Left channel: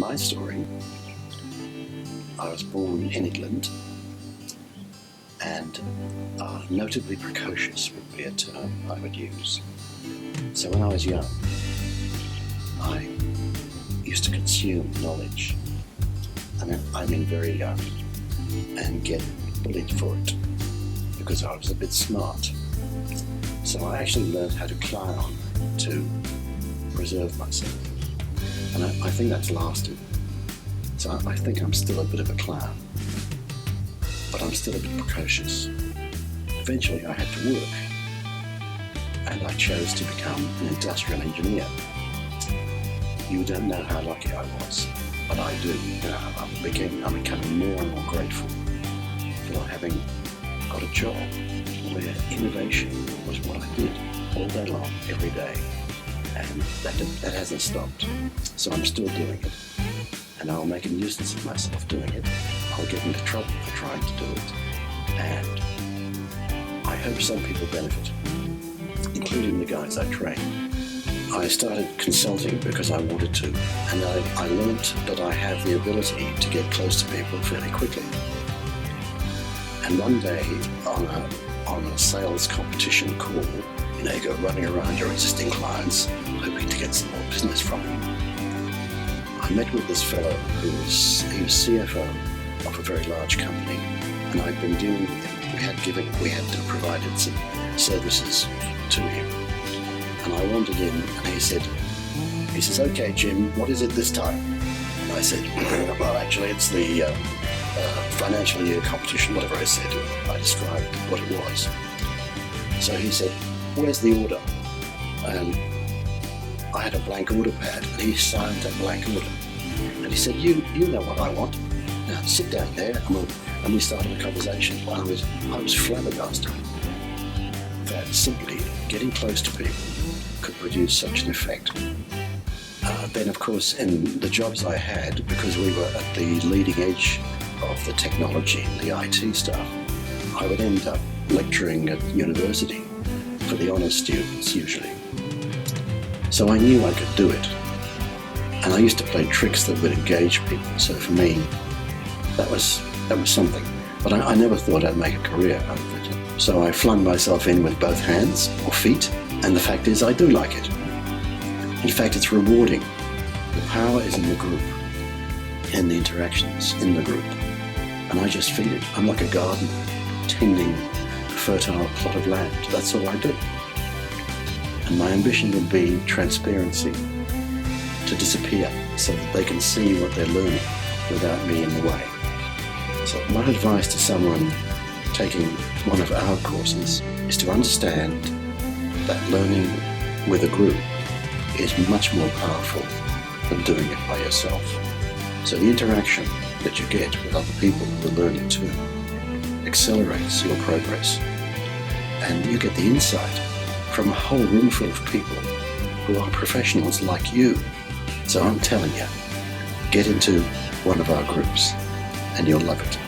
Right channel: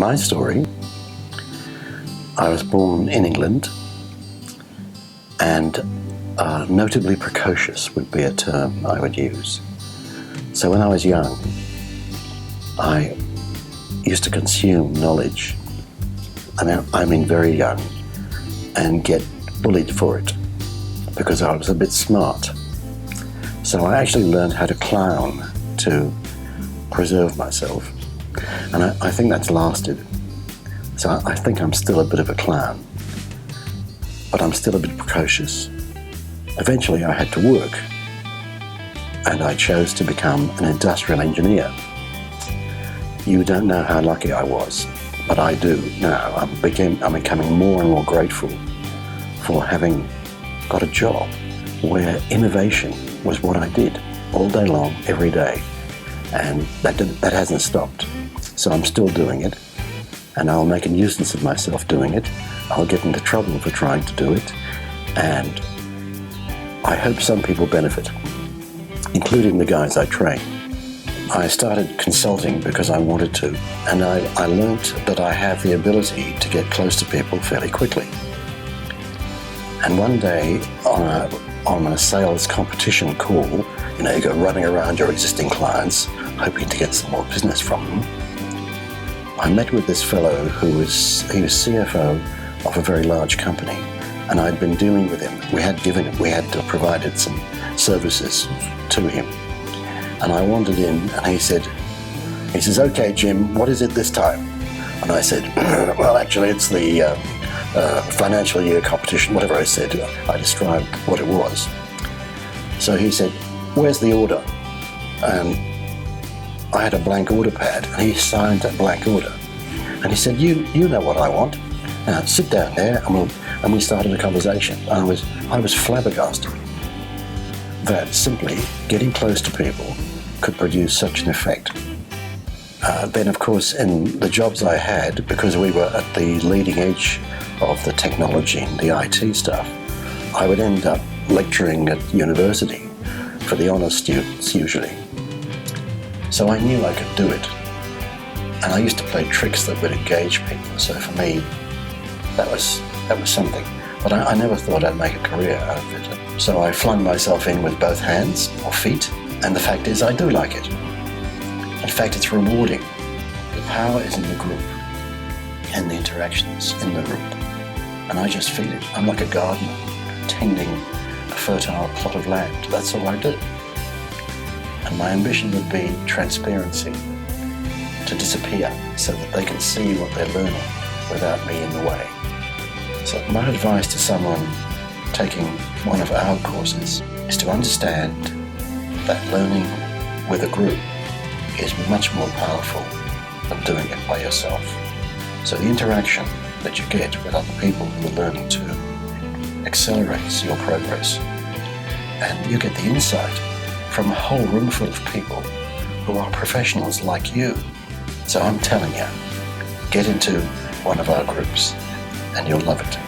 My story, I was born in England, and notably precocious would be a term I would use. So when I was young, I used to consume knowledge, I mean very young, and get bullied for it because I was a bit smart. So I actually learned how to clown to preserve myself, and I think that's lasted. So I think I'm still a bit of a clown, but I'm still a bit precocious. Eventually I had to work, and I chose to become an industrial engineer. You don't know how lucky I was, but I do now. I'm becoming more and more grateful for having got a job where innovation was what I did all day long, every day, and that hasn't stopped. So I'm still doing it, and I'll make a nuisance of myself doing it. I'll get into trouble for trying to do it, and I hope some people benefit, including the guys I train. I started consulting because I wanted to, and I learnt that I have the ability to get close to people fairly quickly. And one day on a sales competition call, you go running around your existing clients, hoping to get some more business from them. I met with this fellow he was CFO of a very large company, and I'd been dealing with him. We had provided some services to him. And I wandered in, and he says, "Okay, Jim, what is it this time?" And I said, "Well, actually, it's the financial year competition," whatever I said. I described what it was. So he said, "Where's the order?" And I had a blank order pad, and he signed that blank order. And he said, "You know what I want. Now sit down there," and we started a conversation. I was flabbergasted that simply getting close to people could produce such an effect. Then, of course, in the jobs I had, because we were at the leading edge of the technology and the IT stuff, I would end up lecturing at university for the honours students usually. So I knew I could do it, and I used to play tricks that would engage people. So for me, that was something. But I never thought I'd make a career out of it. So I flung myself in with both hands or feet, and the fact is I do like it. In fact, it's rewarding. The power is in the group and the interactions in the group, and I just feel it. I'm like a gardener tending a fertile plot of land. That's all I do. And my ambition would be transparency, to disappear so that they can see what they're learning without me in the way. So my advice to someone taking one of our courses is to understand that learning with a group is much more powerful than doing it by yourself. So the interaction that you get with other people who are learning too accelerates your progress, and you get the insight from a whole room full of people who are professionals like you. So I'm telling you, get into one of our groups and you'll love it.